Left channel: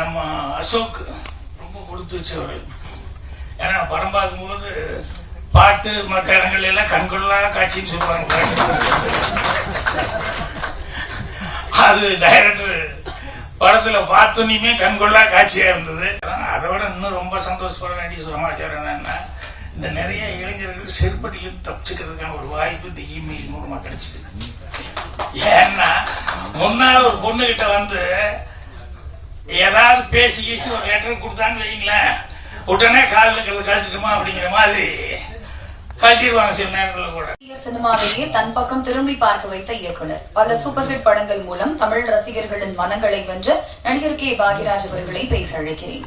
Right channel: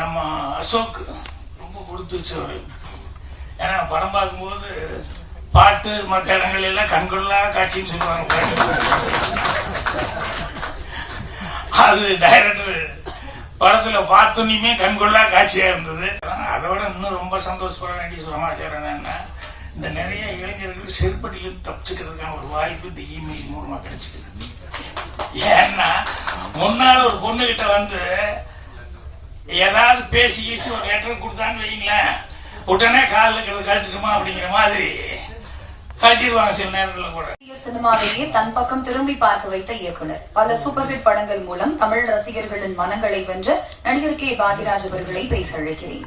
நம்ம அசோக் ரொம்ப கொடுத்து வச்சவர் ஏன்னா படம் பார்க்கும்போது பாட்டு மற்ற இடங்கள் எல்லாம் கண்கொள்ளா காட்சின்னு சொல்லுவாங்க பாட்டு. அது டைரக்டர் படத்துல பார்த்தோன்னே கண்கொள்ளா காட்சியா இருந்தது. அதோட இன்னும் ரொம்ப சந்தோஷப்பட வேண்டிய சமாச்சாரம் என்னன்னா இந்த நிறைய இளைஞர்கள் செருப்படியிலிருந்து தப்பிச்சுக்கிறதுக்கான ஒரு வாய்ப்பு இந்த இமெயில் மூலமா கிடைச்சிருக்கு. ஏன்னா முன்னால் ஒரு பொண்ணு கிட்ட வந்து ஏதாவது பேசி பேசி ஒரு லெட்டர் கொடுத்தான்னு வைங்களேன் உடனே காலில் கழட்டிட்டுமா அப்படிங்கிற மாதிரி கழட்டிடுவாங்க சில நேரங்களில் கூட இந்திய சினிமாவையே தன் பக்கம் திரும்பி பார்க்க வைத்த இயக்குனர் பல சூப்பர் ஹிட் படங்கள் மூலம் தமிழ் ரசிகர்களின் மனங்களை வென்ற நடிகர் கே பாகிராஜ் அவர்களை பேச அழைக்கிறேன்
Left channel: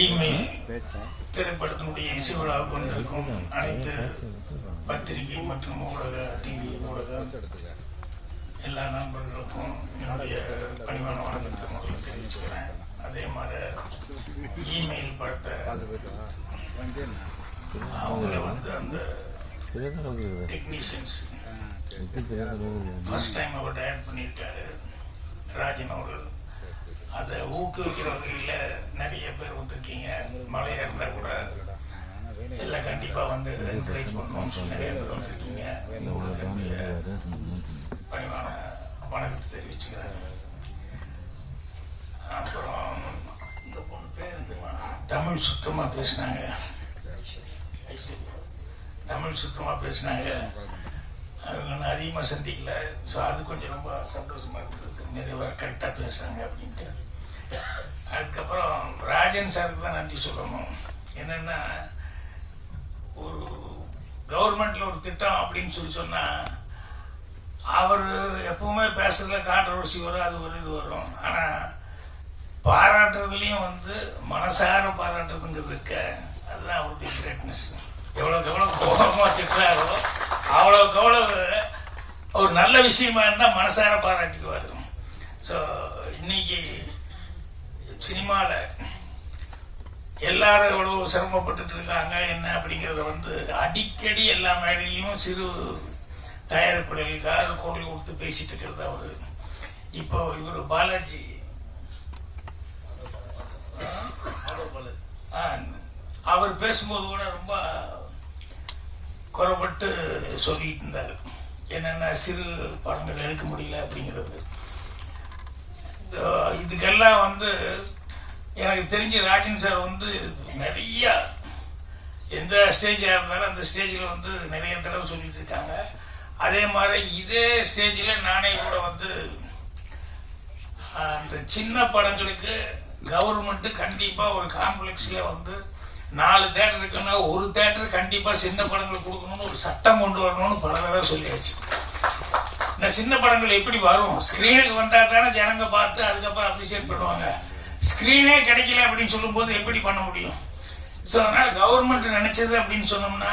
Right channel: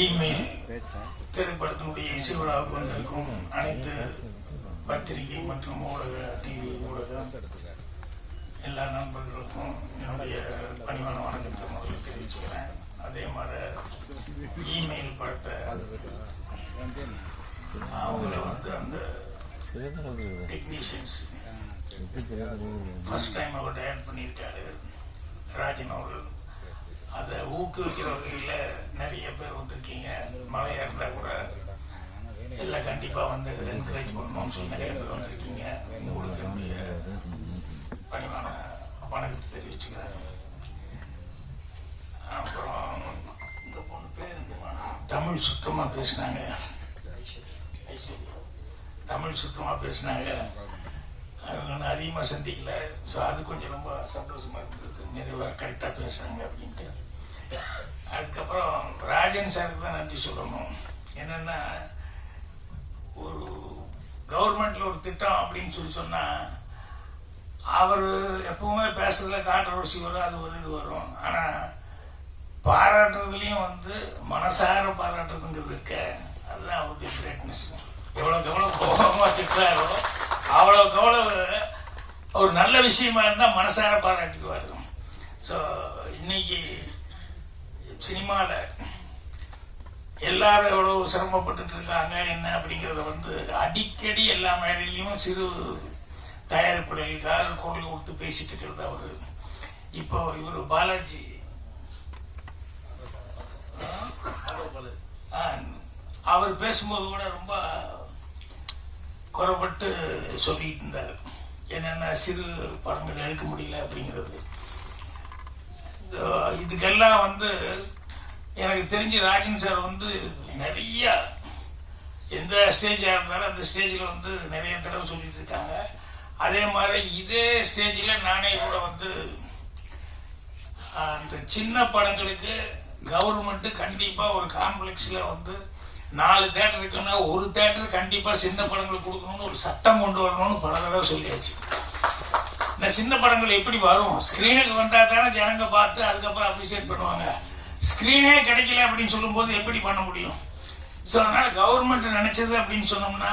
இமெயில் திரைப்படத்தினுடைய இசை விழாவுக்கு வந்திருக்கும் அனைத்து பத்திரிகை மற்றும் ஊடக டிவி ஊடகம் எல்லா நண்பர்களுக்கும் என்னுடைய பணிவான வணக்கத்தை முதல்ல தெரிவிச்சுக்கிறேன். அதே மாதிரி இமெயில் படத்தை அவங்கள வந்து அந்த டெக்னீஷியன்ஸ் ஃபர்ஸ்ட் டைம் அவர் டயட் பண்ணியிருக்காரு. ராஜன் அவர்கள். அதை ஊக்குவிக்கிற வகையில் நிறைய பேர் வந்திருக்கீங்க. மழையா இருந்தா கூட எல்லாம் கண்டிப்பா வந்து என்கரேஜ் பண்ணணும்னு சொல்லி நிறைய பேர் வந்திருக்கீங்க. உங்களுக்கு என்னுடைய பணிவான வணக்கத்தை தெரிவிச்சுக்கிறேன். அப்புறம் இந்த பொண்ணு பேர் தமிழ் சுத்தமாக பேசினாங்க. ஐஸ்வர்யா. தமிழ் சுத்தமாக பேசினாங்க. அவங்க நான் அதிகமாக சந்திக்கல. ஸோ அது கொஞ்சம் ரொம்ப சந்தோஷமாக இருந்தது. நிறைவாக கரெக்டாக பேசுகிறாங்க அப்படின்ட்டு. அதுக்கப்புறம் ராஜன் சாருக்கு தான் நன்றி சொல்லணும். என்னன்னா ஒரு கவர்மெண்ட்ல ஒரு திட்டம் அப்படின்னு சொல்லி சொன்னா அவர் எப்பவுமே பேசுறதுல கான்ட்ரவர்சி வரும் அது ஒரு இது வரும். ஆனா பாராட்டுறதுலையும் வந்து மனசார பாராட்டுறதுங்கிறது இருக்க. அதுதான் அவருக்கு கிரேட்னஸ் எவ்வளவுக்கு எவ்வளவு கோபமா திட்டுறாரோ அவ்வளவுக்கு அவ்வளவு ஒரு நல்ல விஷயமா இருந்தால் மனசார பாராட்டிடுவார். ஸோ இன்னைக்கு சினிமால எல்லாரும் எவ்வளவு சிரமப்பட்டுட்டு இருக்காங்க என்ன அப்படிங்கிறத வந்து அடிக்கடி எல்லா மேடையிலையும் சிறு தயாரிப்புகளுக்காக குரல் கொடுத்து பேசிட்டு இருக்கிறது அவரு. இப்போ இவர் பாலாஜி. அவர் பேசும்போது கூட ரொம்ப குறப்பட்டு சொல்லிட்டு இருந்தார். என்னென்ன சிறு படங்கள் எடுக்க முடியல அப்படிங்கிறது. இதுக்கெல்லாம் வந்து எனக்கு தெரிஞ்ச ராஜன் சார் வந்து நிறைய எந்த ஸ்டேஜாக இருந்தாலும் அந்த ஸ்டேஜில் வந்து நிறைய தடவை சொல்லிட்டு இருக்காங்க அதே மாதிரி இதே ஸ்டேஜில் நானே கூட வந்து அந்த சின்ன படங்களுக்கு கவர்மெண்ட்டு கண்டிப்பாக ஒரு காம்ப்ளெக்ஸில் வந்து நாலு தேட்டர் இருக்குன்னா ஒரு தேட்டர் கண்டிப்பாக சின்ன படங்கள் கொடுக்கணும்னு ஒரு சட்டம் கொண்டு வரணும்னு பல தடவை சொல்லியாச்சு. இந்த சின்ன படங்கள் எப்படி வரும்? ஸ்கிரீனுக்கு வந்தா தானே ஜனங்க பார்த்து அதுக்கப்புறம் அப்ரிசியேட் பண்ணுவாங்க. ஸ்கிரீனே கிடைக்கல அப்படின்னு சொல்லும்போது எப்படி பண்ண முடியும்? ஸோ அதனால கவர்மெண்ட் நினைச்சது அப்படின்னு சொன்னோம்னா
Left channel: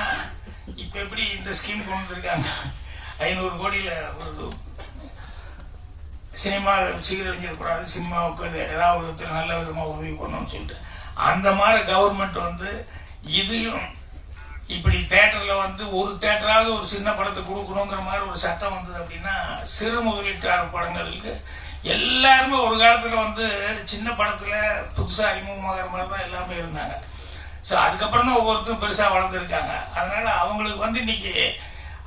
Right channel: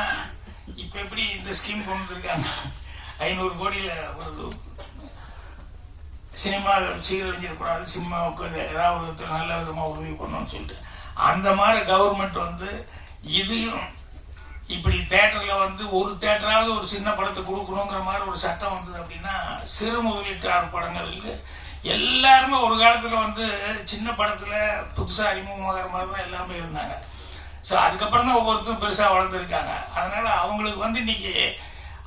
இப்போ எப்படி இந்த ஸ்கீம் கொண்டு வந்திருக்காங்க? ஐநூறு கோடியில் ஒரு சினிமா சீரழிஞ்சிடக்கூடாது சினிமாவுக்கு ஏதாவது ஒருத்தர் நல்ல விதமாக உதவி பண்ணணும்னு சொல்லிட்டு. அந்த மாதிரி கவர்மெண்ட் வந்து இதையும் இப்படி தேட்டர்ல வந்து ஒரு தேட்டராவது ஒரு சின்ன படத்தை கொடுக்கணுங்கிற மாதிரி ஒரு சட்டம் வந்தது அப்படின்னா சிறு முதலீட்டாளர் படங்களுக்கு எல்லாருமே ஒரு காலத்துல வந்து சின்ன படத்துல புதுசா அறிமுகமாகிற மாதிரி தான் எல்லாமே இருந்தாங்க. ஸோ அதுக்கப்புறம் தான் ஒவ்வொருத்தரும் பெருசாக வளர்ந்துருக்காங்க. அதனால அவங்களுக்கு வந்து இன்னைக்கு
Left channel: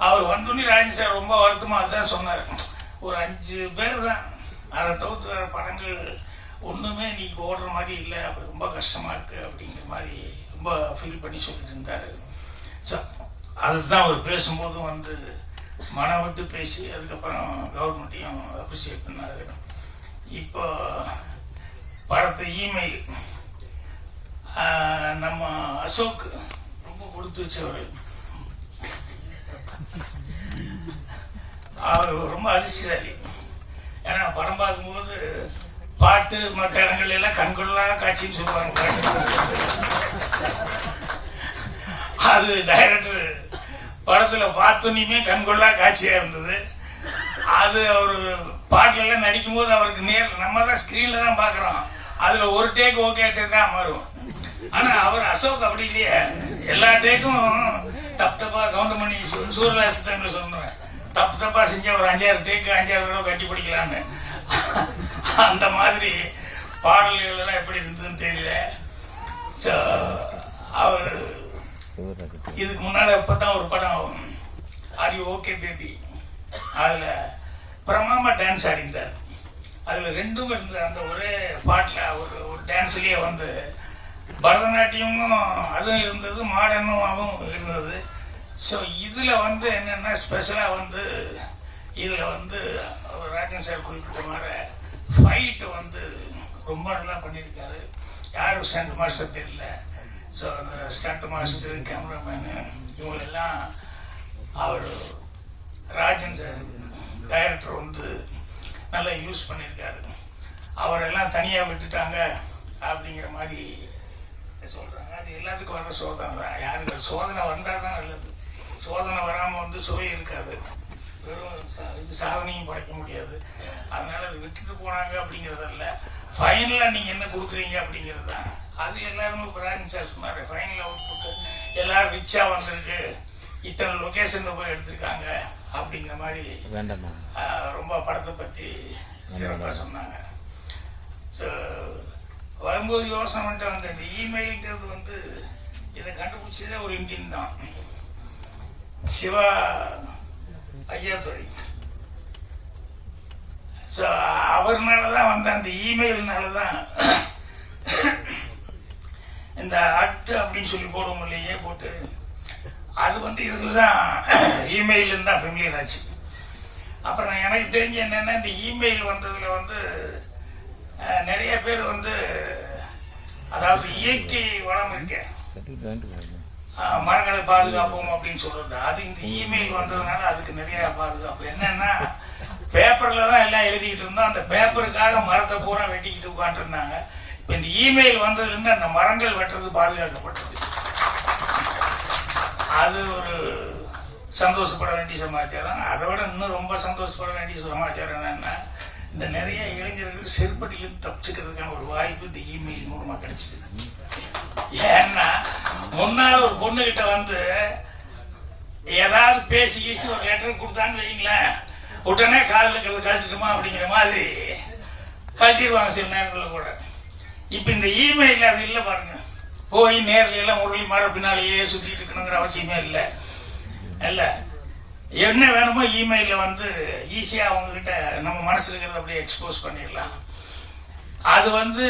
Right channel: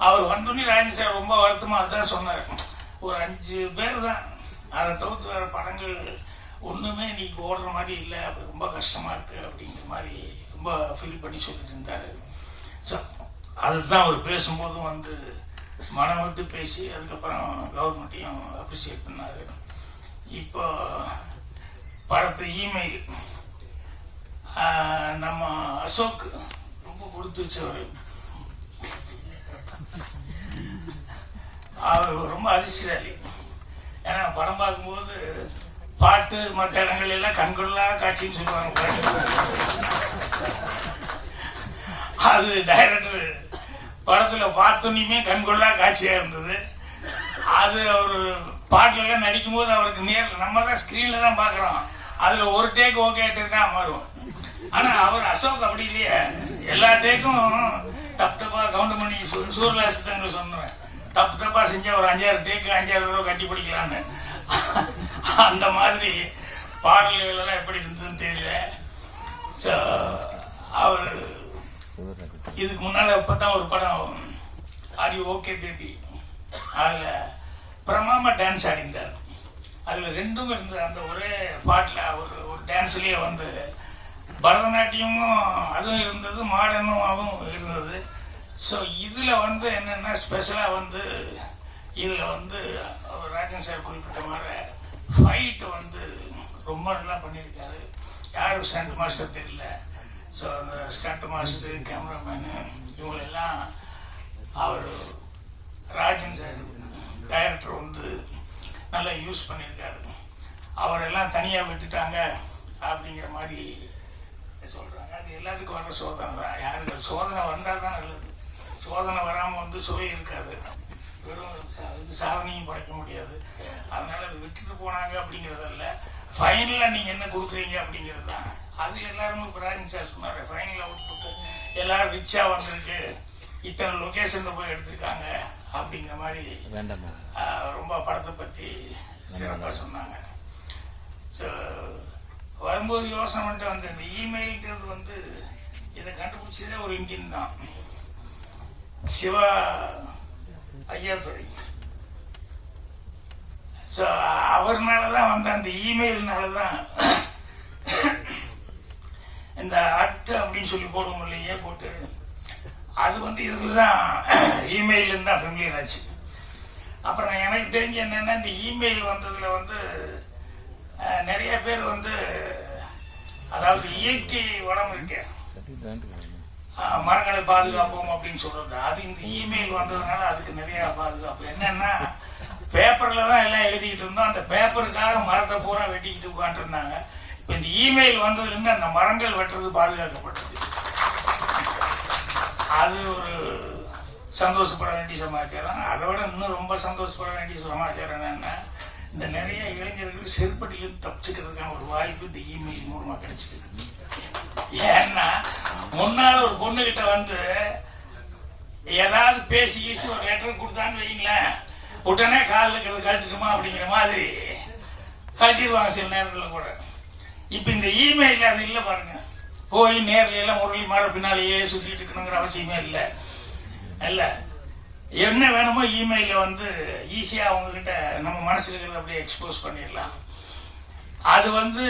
அவர் வந்தோடனே ராஜி சார் ரொம்ப வருத்தமாக அதுதான் சொன்னார். ஒரு அஞ்சு பேர் தான். அதை தவிர்த்து வேற படங்கள் ஒன்றுமே இன்னைக்கு ஓடுற மாதிரி இல்லை. அப்படி ரொம்ப கஷ்டமாக இருக்குது அப்படிங்கிற மாதிரி ரொம்ப ஃபீல் பண்ணி சொல்லிட்டு இருந்தார். அதுதான் அவர் பேசும்போதும் வந்து மனம் விட்டு பேசி அதுக்கப்புறம் கவர்மெண்ட்டையும் அப்ரிசியேட் பண்ணார். இப்போ படத்து இமெயில் நம்ம அசோக் ரொம்ப கொடுத்து வச்சவர். அவர் ரொம்ப அதிர்ஷ்டசாலி ஏன்னா படம் பார்க்கும்போது பாட்டு மற்ற இடங்கள் எல்லாம் கண்கொள்ளா காட்சின்னு சொல்லுவாங்க பாட்டு. அது டைரக்டர் படத்துல பார்த்தோன்னே கண்கொள்ளா காட்சியா இருந்தது. அது அவர் பாட்டுல எல்லாம் நடிக்கும் போது அவருக்கு நேர் நம்ம தான் ஸ்கிரீன்ல தான் பாக்குறோம் அதுல ஒரு டேக் ஓகே தான் வரும். ஆனா அவர் அசோக் அப்படி இல்லையே. எல்லா டேக்கும் தப்பு தப்பா கவுண்ட் பண்ணி சு- சொன்னேன் தப்பு தப்பா செஞ்சா ஒரு அஞ்சாயிரம் டேக்கு அஞ்சாயிரம் ரூபா கட்டி பிடிக்கலான்னு. அந்த மாதிரி பாடல்கள் எல்லாம் எப்படி இருந்ததுன்னு தெரியல. அவர் இதுக்கு முன்னால இப்பதான் ஒரு படம் ஆர் ஓகே பேபி அதுல பிரமாமா டான்ஸ் ஆடிந்தார் அதுல ரெண்டும் இருந்த அந்த ஒரே பாட்டுல ஒரு ஒரு டான்ஸ்லயே வந்து பரதநாட்டியமும் அதுவும் இருந்தது மாடர்னும் அதுவும் இருந்தது. ஸோ இதுல வந்து என்னன்னா ஸ்பெஷலா வந்து இதுல வந்து அவர் ராஜன் சார் குறிப்பிட்ட மாதிரி ஃபைட் வந்து ரொம்ப நல்லா பண்ணியிருக்காரு. யாரும் சென்ட் மாஸ்டர் தெரியல. ஸோ அந்த ஸ்டண்ட் மாஸ்டர் கேமராமேனு இவங்களெல்லாம் அவர் ராஜன் சார் டைரக்டர் வந்து நல்லா யூஸ் பண்ணியிருக்காரு. அவரெல்லாம் தனியாக விட்டுட்டாங்க அப்படிங்கிற மாதிரி சொல்கிறாங்க அது எல்லாத்துக்கும் வர சோதனை தான். யாருக்கு சோதனை வந்தால் தான் நல்லது. சோதனை வராமல் வந்து சுவை இருக்காது. வெறும் இது சாதனையும் படைக்க முடியாது. அதனால் விட்டுட்டு போனாங்க அப்படிங்கிறதல்ல. ஃபைனலாக நீங்கள் என்ன கொடுக்குறீங்க அப்படிங்கிறது? தான் அது எல்லாருமே ராஜன் சார் சொன்னார் ஃபைனல் அவுட்புட் எல்லாரும் ரிச்சாக வந்திருக்கு. இத்தனை லொக்கேஷனில் போய் எடுத்திருக்காங்க அப்படிங்கிற மாதிரி வேண்டாமா ரொம்ப படத்தை பற்றி சிறப்பாக சொன்னாங்க. ஸோ வரும்போது யோசனை பண்ணிட்டு வந்த இந்த இமெயில்ங்கிறது வந்து இதை கண்டுபிடிச்சதே ஒரு இந்தியன் தான். சிவா ஐயாத்துறை ஸோ அவர்னால தான் வந்த அந்த இமெயில்னால தான் இந்த அட் அப்படின்னு சொல்லி போடுவோம் இல்லையே போட்டு. அது வந்து இதுதான் இமெயில் தான் ஃபெமிலியர் ஆச்சு. அப்புறம் எனக்கு தெரிஞ்ச என்னென்னா இந்த இமெயில் வந்ததில் வந்து நிறைய பேர் வந்து அதாவது இயற்கை வளம் இருக்கு. மரங்களை பாதுகாப்போம் அப்படின்னு சொல்றது. அது இந்த இமெயில் வந்ததுனால அதுக்கு நிறைய பாதுகாப்பு. என்னன்னா பேப்பர்ல தான் எல்லாம் எழுதிக்கிட்டு இருந்தோம். அந்த பேப்பருக்காக மரத்தை பூரா வெட்டிக்கிட்டு உட்காந்துருந்தாங்க இப்ப இந்த இமெயில் வந்ததுலேருந்து அந்த மரங்கள் வெட்டுறது பாதுகாக்கப்பட்டது. அது ஒரு சந்தோஷப்பட வேண்டிய சமாச்சாரம். அதை விட இன்னும் ரொம்ப சந்தோஷப்பட வேண்டிய சமாச்சாரம் என்னன்னா இந்த நிறைய இளைஞர்கள் செருப்படியில் தப்பிச்சுக்கிறதுக்கான ஒரு வாய்ப்பு இந்த இமெயில் மூலமா கிடைச்சது. ஏன்னா முன்னால ஒரு பொண்ணுகிட்ட வந்து ஏதாவது பேசி கீசி ஒரு லெட்டர் கொடுத்தான்னு வைங்களேன் உடனே காலில் இருக்கிறது கழட்டுட்டுமா அப்படிங்கிற மாதிரி கழட்டிடுவாங்க சில நேரத்தில் கூட. இப்போ இந்த இமெயில் அது இல்லை பாருங்க. போய் நேரில் எல்லாம் முரளி மாற பின்னாலேயே சுற்றிட்டு இருக்கணுங்கிற அவசியமே இல்லை. இல்லை. என்ன வேணுமோ இமெயிலில் வந்து ஈஸியா அவங்க கிட்ட நம்ம மனசில் இருக்கிறத அப்படியே எக்ஸ்போஸ் பண்ணிடலாம். அது வந்து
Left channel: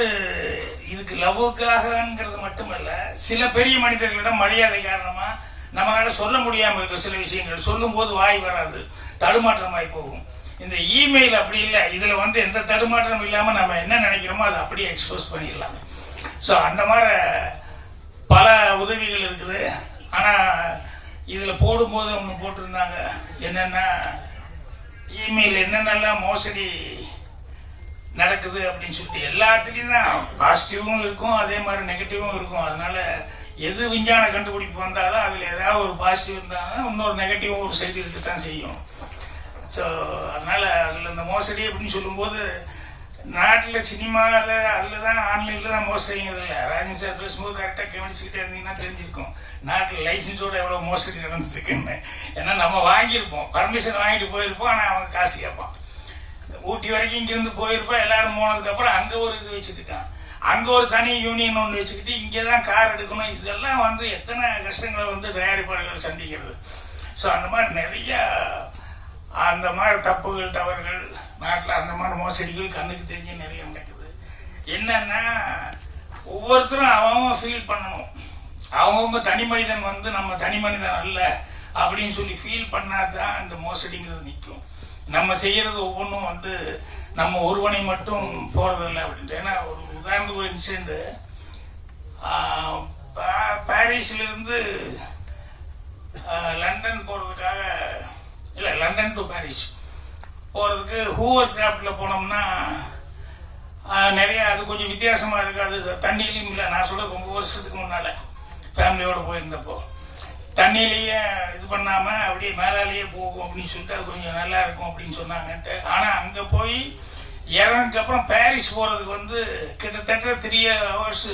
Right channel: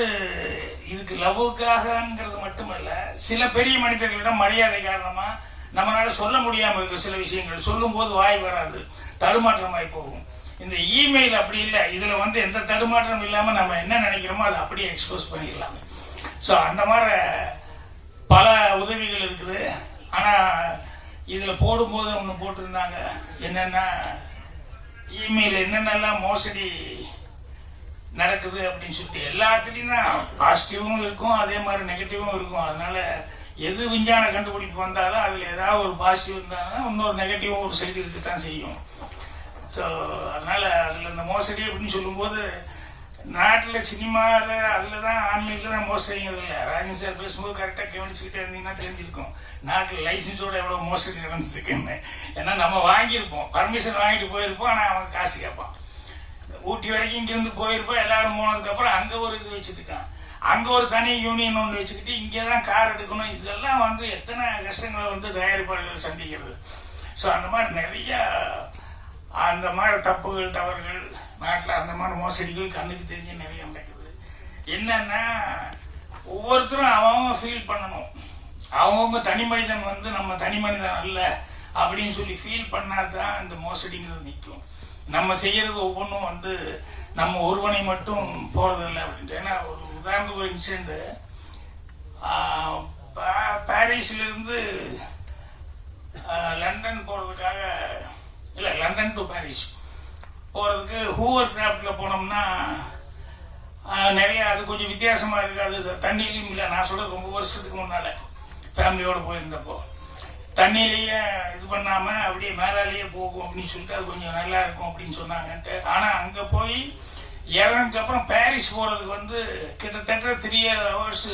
இதுக்கு லவ்வுக்காகங்கிறது மட்டுமல்ல சில பெரிய மனிதர்களிடம் மரியாதை காரணமா நம்மளால சொல்ல முடியாமல் இருக்கிற சில விஷயங்கள் சொல்லும்போது வாய் வராது. தடுமாற்றமாய் போகும் இந்த இமெயில் அப்படி இல்லை இதுல வந்து எந்த தடுமாற்றம் இல்லாம நம்ம என்ன நினைக்கிறோமோ அதை அப்படியே எக்ஸ்போஸ் பண்ணிடலாம். ஸோ அந்த மாதிரி பல உதவிகள் இருக்குது. ஆனா இதுல போடும்போது ஒன்று போட்டிருந்தாங்க. என்னென்னா இமெயில் என்னென்னலாம் மோசடி நடக்குது அப்படின்னு சொல்லிட்டு எல்லாத்துலேயும் தான் பாசிட்டிவும் இருக்கும் அதே மாதிரி நெகட்டிவும் இருக்கும். அதனால எது விஞ்ஞான கண்டுபிடிப்பு வந்தாலும் அதில் ஏதாவது ஒரு பாசிட்டிவ் இருந்தாலும் இன்னொரு நெகட்டிவும் ஒரு சைடு இருக்கத்தான் செய்யும். ஸோ அதனால் அதில் இந்த மோசடி அப்படின்னு சொல்லும்போது நாட்டில் சினிமாவில் அதில் தான் ஆன்லைனில் தான் மோசடிங்கிறது இல்லை. ராஜன் சார் பேசும்போது கரெக்டாக கவனிச்சுக்கிட்டே இருந்தீங்கன்னா தெரிஞ்சிருக்கும். நாட்டில் லைசன்ஸோட எவ்வளோ மோசடி நடந்துருக்குன்னு. ஏன்னா நம்ம வாங்கியிருப்போம். பர்மிஷன் வாங்கிட்டு போயிருப்போம். ஆனால் அவன் காசு கேட்பான். ஊட்டி வரைக்கும் இங்கேருந்து போயிருப்போம். எல்லாரும் போனதுக்கப்புறம் அங்கே ஒரு இது வச்சுருக்கான். அங்க ஒரு தனி யூனியன் ஒன்று வச்சுக்கிட்டு இங்கே தான் கார் எடுக்கணும். இதெல்லாம் வந்து எத்தனை கஷ்டங்களை வந்து தயாரிப்பாளர்கள் சந்திக்கிறது. ஸோ அந்த மாதிரி நிறைய அந்த மாதிரி தப்புகள் தவறுகள் நாட்டில் அந்த மாதிரி மோசடிகள் கண்ணுக்கு தெரிஞ்சு நிறைய நடக்குது. என்னன்னா ஒவ்வொருத்தரும் அவங்க ஃபீல் பண்ணணும். அவங்கவுங்க தனி மனிதன் வந்து நம்ம தனி மனிதன் அல்ல அப்படின்னு சொல்லி ஃபீல் பண்ணாதான் இந்த மோசடிங்கிறது நிற்கும். நம்ம செய்யறது ஒவ்வொன்றும் வந்து நம்ம ஒருவனை மட்டும் போறதில்லை அப்படின்ட்டு. ஏன்னா ஒரு உதாரணத்துக்கு ஒரு இன்சிடென்ட்டு பாரிஸ்லேருந்து லண்டன் போகிறதுக்காக இல்லை லண்டன் டு பாரிஸ் போகிறதுக்கு ஹூவர் கிராஃப்டில் போனோம்னா நிறையா அது கொஞ்சம் வித்தியாசமாக இருக்குது. அது தண்ணியிலையும் இல்லை. நான் சொல்ல ரொம்ப வருஷத்துக்கு முன்னால். ஃபேமிலியோடு போயிருந்தப்போ. தண்ணியிலேயே இது பண்ணாம அப்படியே மேலாலேயே போகும் அப்படின்னு சொல்லிட்டு அது கொஞ்சம் நல்லா இருக்கும் அப்படின்னு சொன்னாங்கன்ட்டு. ஆனா அங்க போய் இறங்கினதுக்கு அப்புறம் பாரிஸ் போறதுக்கு வந்து கிட்டத்தட்ட த்ரீ ஹவர்ஸ்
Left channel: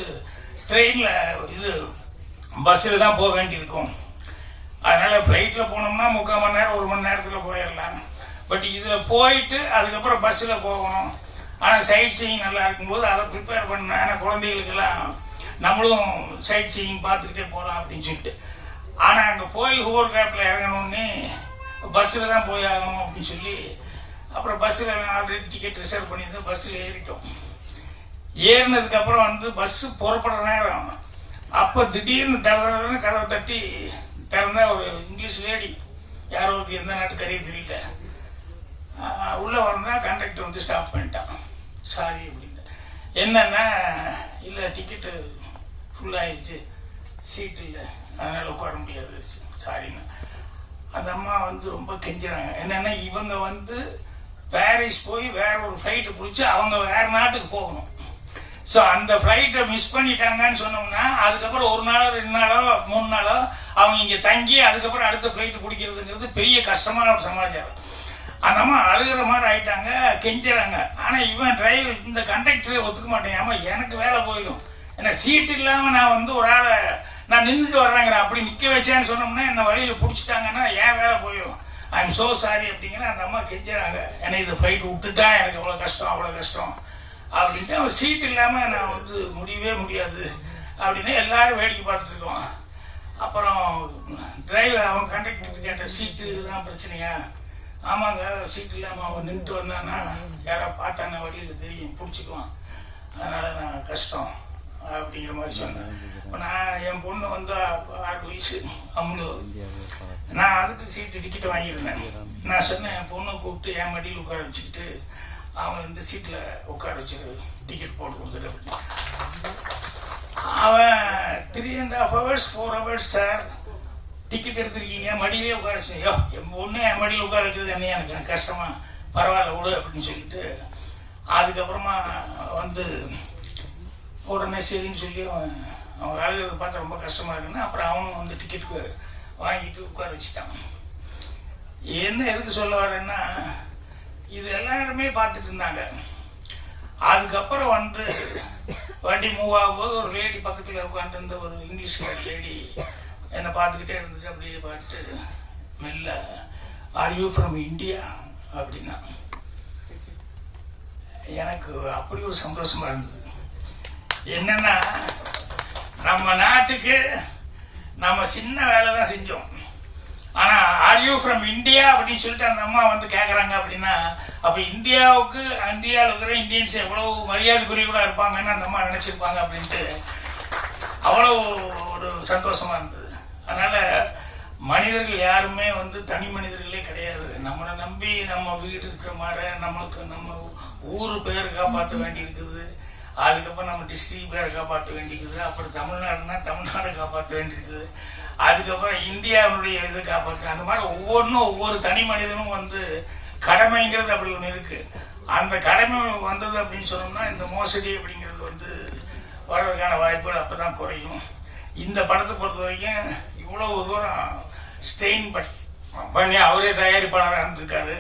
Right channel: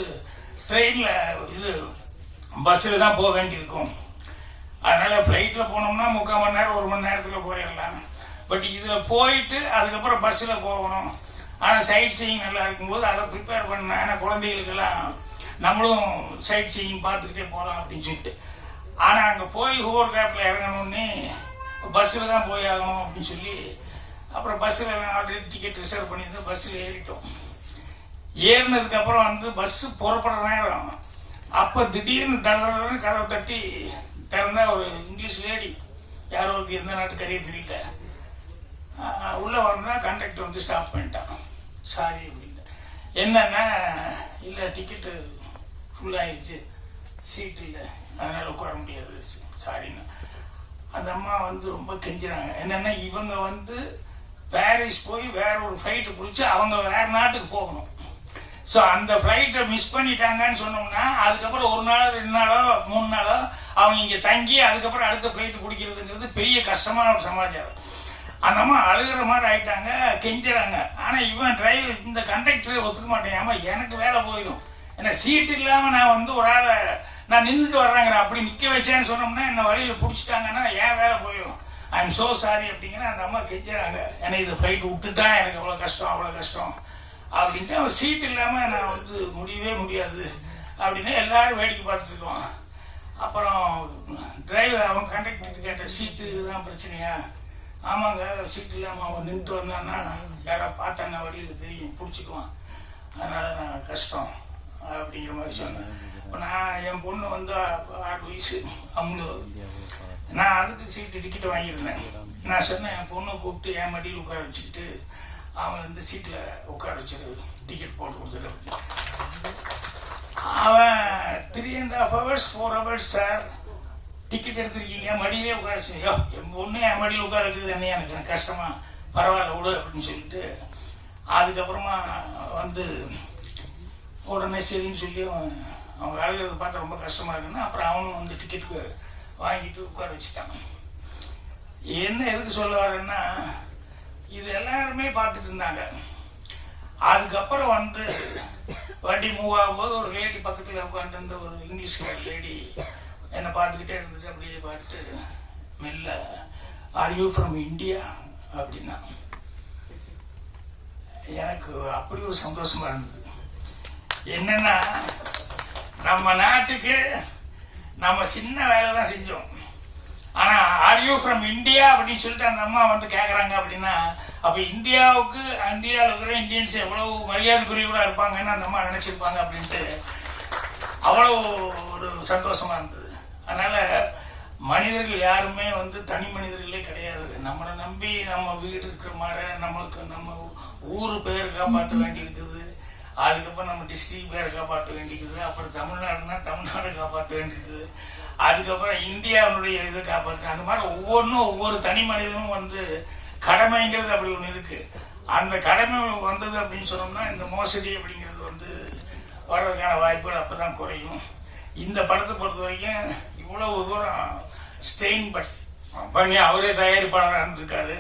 ட்ரெயினில் இது பஸ்ஸில் தான் போக வேண்டியிருக்கும். அதனால ஃப்ளைட்டில் போனோம்னா முக்கால் மணி நேரம் ஒரு மணி நேரத்தில் போயிடலாம். பட் இதில் போயிட்டு அதுக்கப்புறம் பஸ்ஸில் போகணும். ஆனால் சைட் சீயிங் நல்லா இருக்கும்போது அதை ப்ரிப்பேர் பண்ண ஏன்னா குழந்தைகளுக்கெல்லாம் நம்மளும் சைட் சீயிங் பார்த்துக்கிட்டே போகலாம் அப்படின்னு சொல்லிட்டு. ஆனால் அங்கே போய் ஹோர் கேப்பில் இறங்கணும்னே பஸ்ஸில் தான் போய் ஆகணும் அப்படின்னு சொல்லி அப்புறம் பஸ்ஸில் ஆல்ரெடி டிக்கெட் ரிசர்வ் பண்ணியிருந்தோம் பஸ்ஸில் ஏறிட்டோம். ஏறினதுக்கப்புறம் வந்து பஸ்ஸு புறப்படுற நேரம். அப்போ திடீர்னு தடன்னு கதவை தட்டி திறந்த ஒரு இங்கிலீஷ் லேடி யாரோ ஒரு எந்த நாட்டுக்காரியே தெரியல. உள்ளே வரணும்னா கண்டக்டர் வந்து ஸ்டாப் பண்ணிட்டான். சாரி அப்படின்ட்டு என்னன்னா இல்லை டிக்கெட்டு ஃபுல் ஆயிடுச்சு. சீட் இல்லை. அதனால் உட்கார முடியாது சாரின்னு அந்த அம்மா வந்து ரொம்ப கெஞ்சுறாங்க. என்னென்னா இவங்க வந்து பாரிஸ் போய் வேற ஒரு ஃப்ளைட்டு பிடிச்சி அவங்க வேற நாட்டுக்கு போகணும். ஸோ அந்த ஃப்ளைட்டை மிஸ் பண்ணிட்டாங்கன்னு சொன்னோம்னா அதுக்கப்புறம் ஒரு நாளோ ரெண்டு நாளோ மூணு நாளோ அவங்க இங்கே தங்கி அதுக்கப்புறம் அடுத்த ஃப்ளைட்டு பிடிக்கிறதுங்கிறது பெரிய கஷ்டமான ஒரு சமாச்சாரம் அந்த அம்மா அழுகிற மாதிரி ஆயிட்டாங்க கெஞ்சுறாங்க. ஆனால் இவன் டிரைவர் இந்த கண்டக்டரை ஒத்துக்க மாட்டேன். ஆமாம் எனக்கு வேலை போயிடும். ஏன்னா சீட் இல்லாமல் நான் வந்து ஒரு ஆளை நான் நின்றுட்டு வர்றேங்கிற அப்படி நிற்க வச்சேன்னு சொன்னோம்னா என்னை வழியில் பிடிச்சிட்டாங்கன்னா ஏன் வேலை போயிடும் ஐ எம் சோ சாரி அப்படிங்கிற அந்த அம்மா கெஞ்சினாங்க ஏன்னா இது ஃபைட் விட்டுட்டா எனக்கு அவ்வளோ கஷ்டம் அவ்வளோ கஷ்டம். அப்படின்ட்டு அவன் சீட் இல்லாமல் நான் வந்து முடியவே முடியாது அப்படின்னு எல்லாரும் வேடிக்கை பார்த்துருக்கோம் அப்புறம் டிரைவர் அவன் கண்டக்டர் கேட்ட சீட்டு இதுதான் பிரச்சனையா? ஆமாங்க சீட் இல்லாமல் அவன் நின்றுட்டு வந்தான்னா யாரோ பார்த்தாங்க வழியில் தெரியும் பிடிச்சிக்குவான். அதனால நான் கஷ்டம். அப்படிங்கிற மாதிரி சொன்னேன் இப்போ நான் என் பொண்ணு வந்து ஆறு வயசு அவங்களு நான் அதுக்கு சீட்டு டிக்கெட் வாங்கியிருந்தேன். நான் சொன்னேன் என் பொண்ணை கூப்பிட்டு என் மடியில் உட்கார வச்சுக்கிட்டு அவன் வந்து சீட்டில் உட்கார வச்சிரு டிக்கெட் போட்டு கொடுத்துட்டு அவன் three and half hours four hours sir ticket எடுத்திருக்கீங்க மடியிலே உட்கார வச்சு என் பொண்ணு என் மடியில் உட்கார வைக்கிறது என்ன எனக்கு கஷ்டமா பரவாயில்ல விடு அப்படின்னு சொல்லிட்டு அதுக்கப்புறமா வந்து உடனே சரின்னு சொல்லி அவன் அவன் அழுகிறத பார்த்து ரொம்ப கஷ்டமாக இருக்குன்னு அப்புறம் அவனும் வந்து டிக்கெட்டு வாங்கிட்டு உட்கார வச்சுட்டான். என்ன எதுக்கு சொல்ல வரேன்னா இது எல்லாருமே பார்த்துட்டு இருந்தாங்க. அதுக்கப்புறம் வந்து வண்டி மூவ் ஆகும்போது ஒரு லேடி பக்கத்தில் உட்காந்துருந்த ஒரு இங்கிலீஷ் லேடி என்னை பார்த்துக்கிட்டே இருந்துட்டு அப்படியே பார்த்துட்டு மெல்ல ஆர் யூ ஃப்ரம் இந்தியா அப்படின்னா எனக்கு அப்படி ஒரு சந்தோஷமாக இருந்தது. என்னன்னா நம்ம நாட்டுக்கு நம்ம சின்ன வேலை தான் செஞ்சோம். ஆனா ஆர் யூ ஃப்ரம் இந்தியா அப்படின்னு சொல்லிட்டு அந்த அம்மா வந்து கேட்குறாங்க அப்படின்னா அப்போ இந்தியாவுக்கு இந்தியாவில் இருக்கிற இந்தியன்ஸ் எவ்வளவு மரியாதைக்குரியவராக இருப்பாங்கன்னு அந்த அம்மா நினச்சிருப்பாங்க அப்படின்ட்டு அவ்வளோ ஒரு சந்தோஷமா இருந்தது. அதனால மனிதர்கள் யாருமே வந்து தனி மனிதர்களே கிடையாது. நம்மளை நம்பி நம்ம வீடு இருக்கிற மாதிரி நம்மளுக்கு நம்ம ஊர் பேர் காப்பாற்ற வேண்டி இருக்குது அதுக்கப்புறம் நம்ம டிஸ்ட்ரிக்ட் பேரை காப்பாற்ற வேண்டியிருக்குது. அப்புறம் தமிழ்நாடுனா தமிழ்நாடு காப்பாற்ற வேண்டியிருக்குது. அதுக்கப்புறம் இந்தியாவுடைய இதை காப்பாற்ற அந்த மாதிரி ஒவ்வொன்றும் ஒவ்வொரு தனி மனிதனும் வந்து கடமைங்கிறது அப்படி ஒன்று இருக்குது அந்த கடமை வந்தது அப்படின்னு சொன்னோம்னா இந்த மோசடி அப்படிங்கிறது வந்து வர்றதுக்கான வாய்ப்புகள் அப்போ தான் குறையும். இந்த படத்தை பொறுத்த வரைக்கும் இவ்வளவு தூரம் ஸ்டெயின் பண்ணி அவரே தயாரிப்பாளராக இருந்திருக்காரு.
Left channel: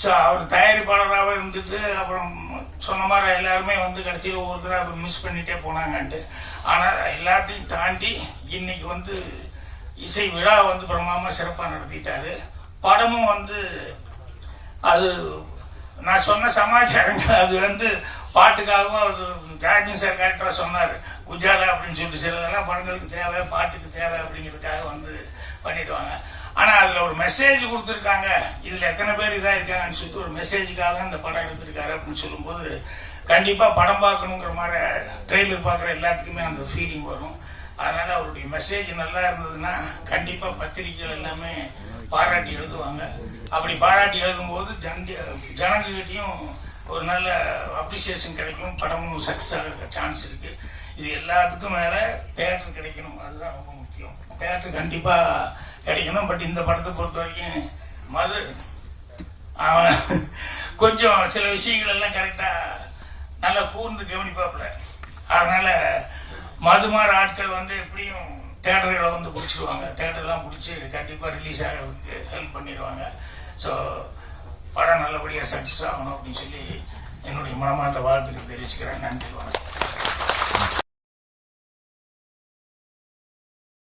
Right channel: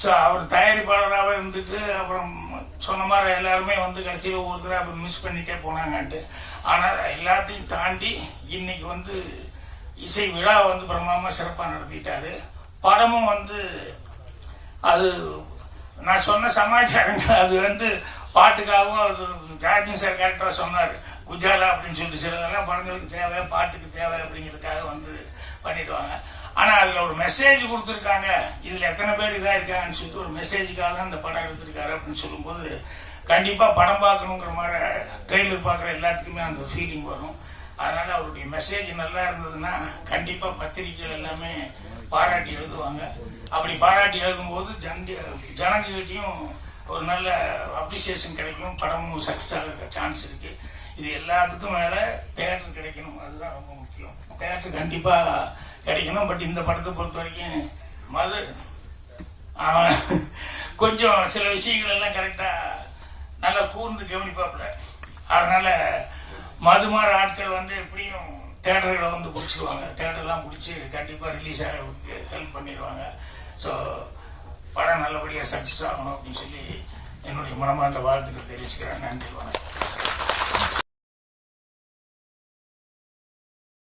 ஸோ அவர் தயாரிப்பாளராகவே இருந்துட்டு அப்புறம் சொன்ன மாதிரி எல்லாருமே வந்து கடைசியில் ஒவ்வொருத்தராக மிஸ் பண்ணிட்டே போனாங்கன்ட்டு. ஆனால் எல்லாத்தையும் தாண்டி இன்னைக்கு வந்து இசை விழா வந்து பிரமாமா சிறப்பாக நடத்திட்டாரு. படமும் வந்து அது நான் சொன்ன சமாச்சாரங்கள் அது வந்து பாட்டுக்காகவும் அது ராஜன் சார் கேரக்டராக சொன்னார். குஜாலா அப்படின்னு சொல்லிட்டு சிலதெல்லாம் படங்களுக்கு தேவை பாட்டுக்கு தேவை அப்படிங்கிறதுக்காக வந்து பண்ணிடுவாங்க. ஆனால் அதில் ஒரு மெசேஜ் கொடுத்துருக்காங்க. இதில் எத்தனை பேர் இதாக இருக்காங்கன்னு சொல்லிட்டு ஒரு மெசேஜுக்காக தான் இந்த படம் எடுத்திருக்காரு அப்படின்னு சொல்லும்போது கண்டிப்பாக படம் பார்க்கணுங்கிற மாதிரி ட்ரெய்லர் பார்க்குற எல்லாத்துக்குமே அந்த ஃபீலிங் வரும். அதனால அவருடைய மெசேஜ் நல்லா இருந்ததுன்னா கண்டிப்பாக பத்திரிகைகள் எல்லாமே பாராட்டி எழுதுவாங்க. அப்படி பாராட்டி எழுதும்போது ஜன ஜனங்ககிட்டையும் ஒரு நல்ல அப்ரிசியேஷன் கிடைக்கும். படமும் சக்ஸஸ் ஆக சான்ஸ் இருக்கு. இது எல்லாத்துக்கும் மேல தேட்டர் கிடைக்கணும். அதுதான் ரொம்ப முக்கியம். தேட்டர் கண்டிப்பா கிடைக்கணும் பட் இந்த படத்தை பொறுத்த வரைக்கும் மது அவன் கொஞ்சம் சில விஷயங்கள் எல்லாம் கரெக்டாக நல்லா கூர்ந்து கவனிப்பாப்புல. அதனால மதுமாற ஆட்கள் வந்து எப்படியும் தேட்டர்களை வந்து பிடிச்சிருவாங்க. தேட்டர்லாம் பிடிச்சி கண்டிப்பாக ரிலீஸ் ஆகிறதுக்கு ஹெல்ப் பண்ணிடுவாங்க. ஸோ படம் நல்லபடியாக சக்ஸஸ் ஆகணும் அப்படின்னு சொல்லி என்னுடைய மனமார்ந்த வாழ்த்துக்கள் தெரிவிச்சுக்கிறேன். நன்றி வணக்கம்.